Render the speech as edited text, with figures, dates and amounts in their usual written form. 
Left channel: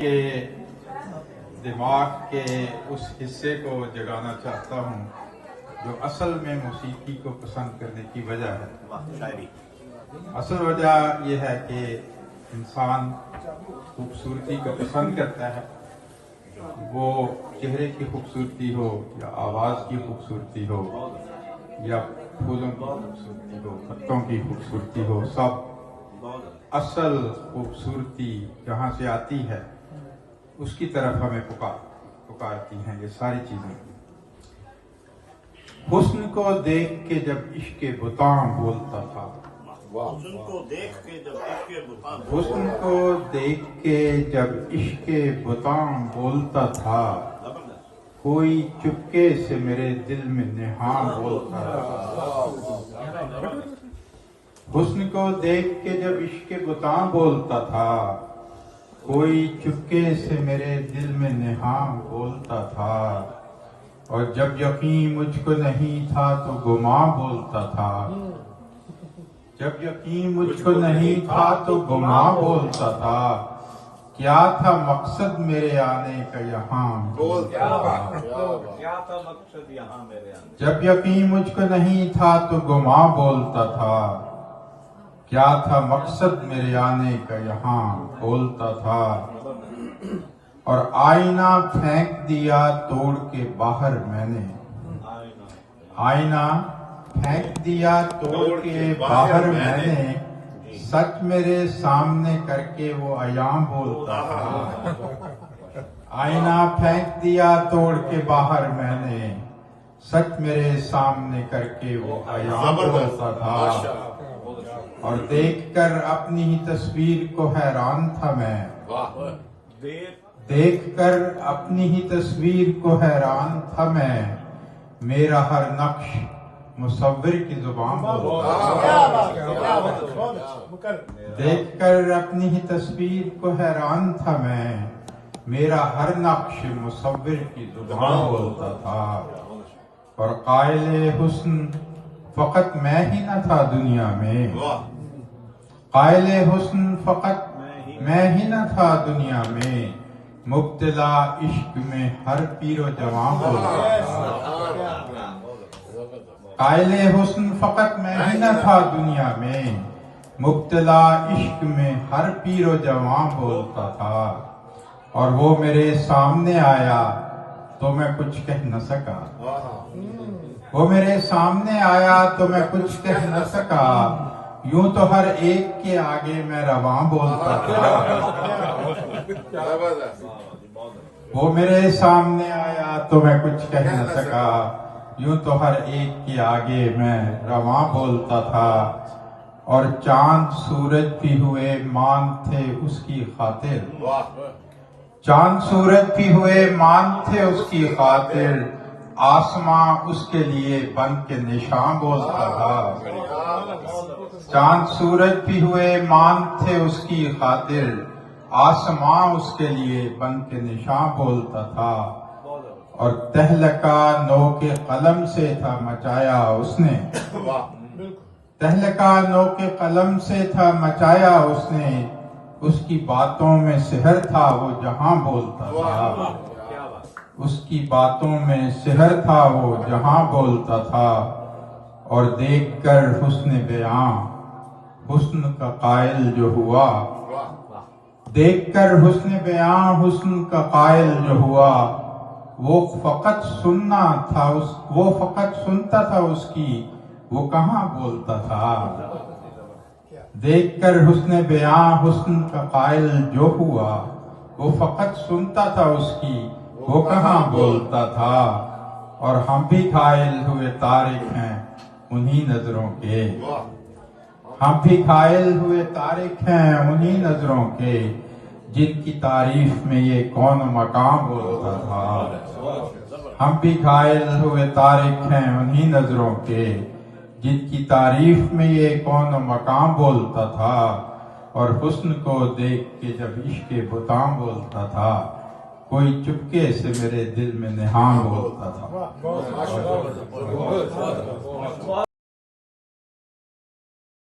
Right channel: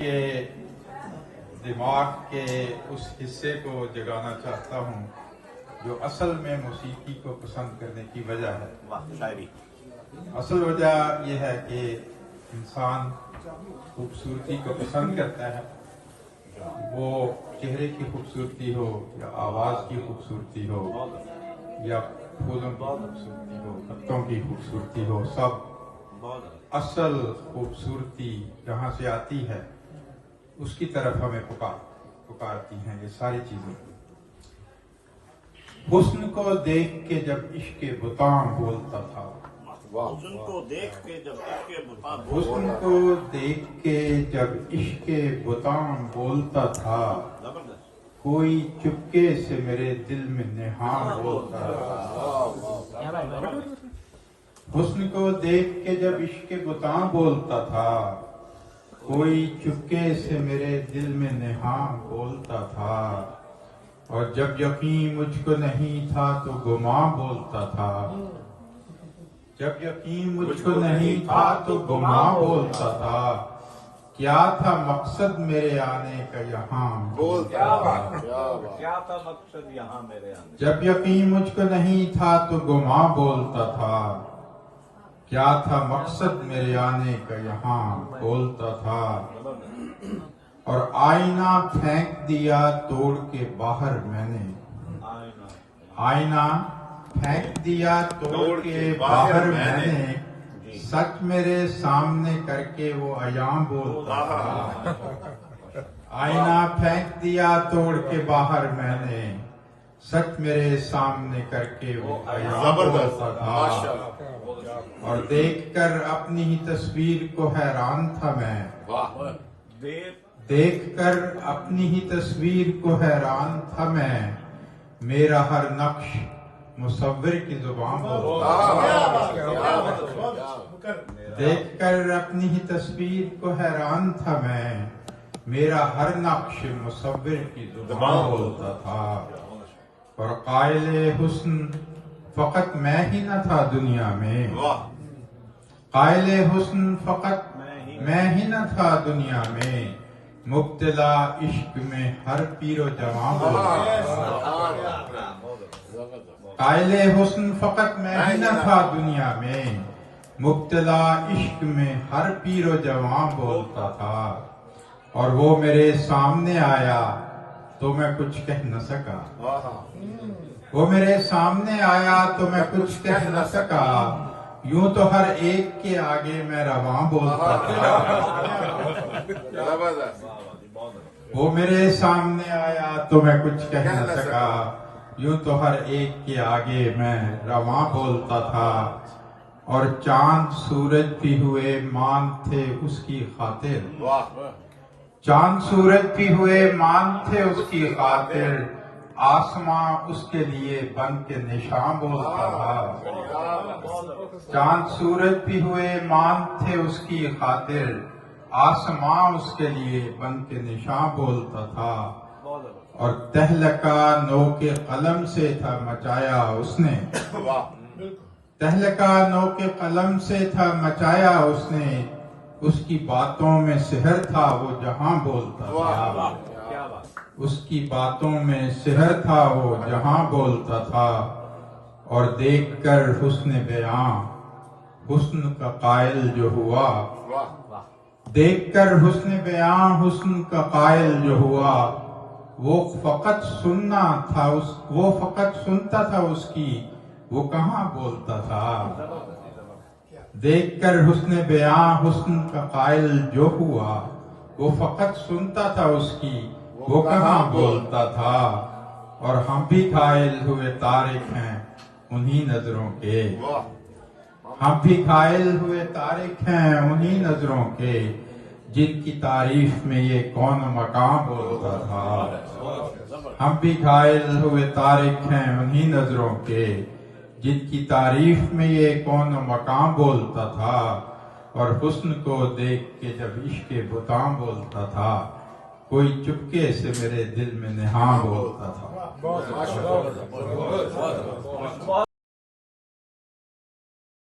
کے دماغ کے اس حصے کو جگانا چاہتا ہوں جو اصل میں موسیقی کو پسند کرنے کی وجہ ہے۔ اصل وجہ یہ ہے کہ انسان خوبصورتی کو پسند کرتا ہے، وہ چہرے کی خوبصورتی ہو یا آواز کی خوبصورتی ہو یا پھولوں کی خوبصورتی ہو، پتوں کی خوبصورتی ہو، سب اصل خوبصورتی جہاں سے آتی ہے اس کی طرف ہمیں پکارتی ہیں یہ ساری چیزیں۔ حسن کو دیکھ کے جب عشق بتاں بولتا تھا، حسن کو دیکھ کے جب عشق بتاں حسن کو دیکھ کے جب عشق بتاں بولتا تھا، کوئی چپکے سے میرے دل میں نہاں بولتا تھا۔ حسن کو دیکھ کے جب عشق بتاں بولتا تھا، کوئی چپکے سے میرے دل میں نہاں بولتا تھا، اور جب یقین مجھ کو نہیں تھا تو گماں بولتا تھا، جب یقین مجھ کو نہیں تھا تو گماں بولتا تھا، کیا تھا مقصد میرے آنے کا یہاں بولتا تھا۔ کیا تھا مقصد یہاں میرے آنے؟ جب یقین مجھ کو نہیں تھا تو گماں بولتا تھا، کیا تھا مقصد میرے آنے کا یہاں بولتا تھا، اور آئینہ پھینک دیا توڑ کے باہر میں نے، آئینہ پھینک دیا توڑ کے باہر میں نے، سچ میرے سامنے کر کے وہ ایام بولتا تھا۔ آئینہ پھینک دیا توڑ کے باہر میں نے، سچ میرے سامنے کر کے وہ ایام بولتا تھا، اور دیکھ کر اپنی ہی تصویر کو حیران تھا میں، دیکھ کر اپنی ہی تصویر کو حیران تھا میں، میرا ہر نقش مصور کی زبان بولتا تھا۔ دیکھ کر اپنی ہی تصویر کو حیران تھا میں، میرا ہر نقش مصور کی زبان بولتا تھا، اور قائل حسن فقط میں ہی نہ تھا دنیا میں، قائل حسن فقط میں ہی نہ تھا دنیا میں، مبتلا عشق میں ہر پیر و جوان بولتا تھا۔ قائل حسن فقط میں ہی نہ تھا دنیا میں، مبتلا عشق میں ہر پیر و جوان بولتا تھا، اور وہ میرے سامنے آیا تو میں کچھ کہہ نہ سکا، وہ میرے سامنے آیا تو میں کچھ کہہ نہ سکا، یوں تو ہر ایک کے آگے میں رواں بولتا تھا۔ وہ میرے سامنے آیا تو میں کچھ کہہ نہ سکا، یوں تو ہر ایک کے آگے میں رواں بولتا تھا، اور چاند سورج بھی ہوئے مان تھے اس کی خاطر، چاند سورج بھی ہوئے مان تھے اس کی خاطر، آسماں اس کے لیے بن کے نشاں بولتا تھا۔ چاند سورج بھی ہوئے مان تھے اس کی خاطر، آسماں اس کے لیے بن کے نشاں بولتا تھا، اور تہلکہ نو کے قلم سے تھا مچایا اس نے، تہلکہ نو کے قلم سے تھا مچایا اس نے، اس کی باتوں میں سحر تھا وہ جہاں بولتا تھا، اس کی باتوں میں سحر تھا وہ جہاں بولتا تھا، اور دیکھ کر حسن بیاں حسن کا قائل جو ہوا، دیکھ کر حسن بیاں حسن کا قائل جو ہوا، وہ فقط سنتا تھا اس کی، وہ کہاں بولتا تھا۔ دیکھ کر حسن بیاں حسن کا قائل جو ہوا، وہ فقط سنتا تھا اس کی، وہ کہاں بولتا تھا، اور ہم بھی قائل ہوئے تارک ہیں انہی نظروں کے، ہم بھی قائل ہوئے تارک ہیں انہی نظروں کے، جن کی تعریف میں یہ کون مقام بولتا تھا۔ ہم بھی قائل ہوئے تارک ہیں انہی نظروں کے، جن کی تعریف میں یہ کون مقام بولتا تھا، اور حسن کو دیکھ کے جب عشق بتاں بولتا تھا، کوئی چپکے سے میرے دل میں نہاں بولتا تھا۔